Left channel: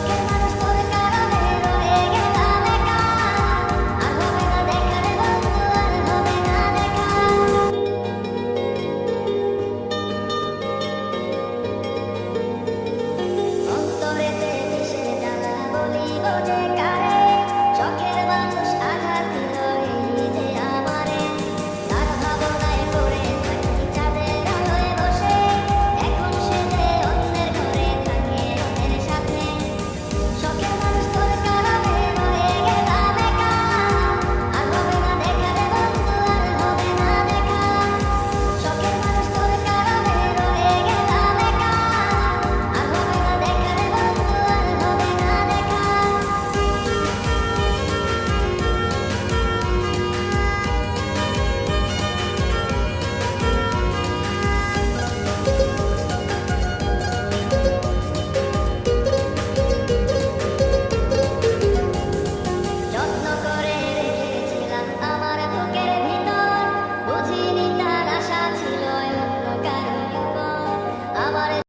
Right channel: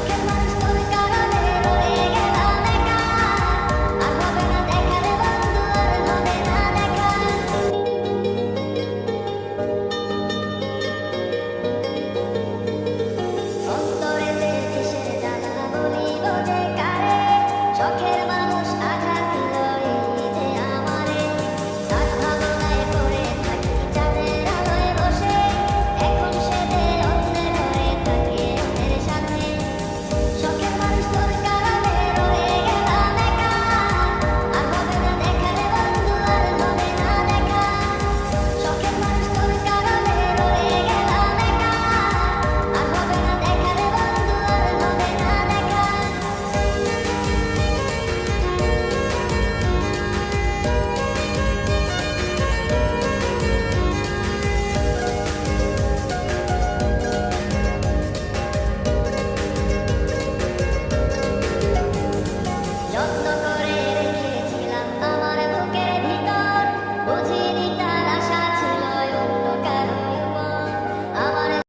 শখের মানুষ তোর কারণে রয়ে গেলাম একা, আর হবে না দেখা রে বন্ধু, আর হবে না দেখা। অন্তরেতে কিসের জ্বালা বলিব যে কারে, শখের মানুষ আঘাত দিল এই যে আমারে। তার ভাবনায় পড়ে থাকি চাঁদের আলোয় বসে, এখন সে যে অন্যের ঘরে থাকে অন্যের সাথে। শখের মানুষ তোর কারণে রয়ে গেলাম একা, আর হবে না দেখা রে বন্ধু, আর হবে না দেখা। শখের মানুষ তোর কারণে রয়ে গেলাম একা, আর হবে না দেখা রে বন্ধু, আর হবে না দেখা। যত্ন করে রেখেছিলাম আমার বুকের ভিতর, বুঝি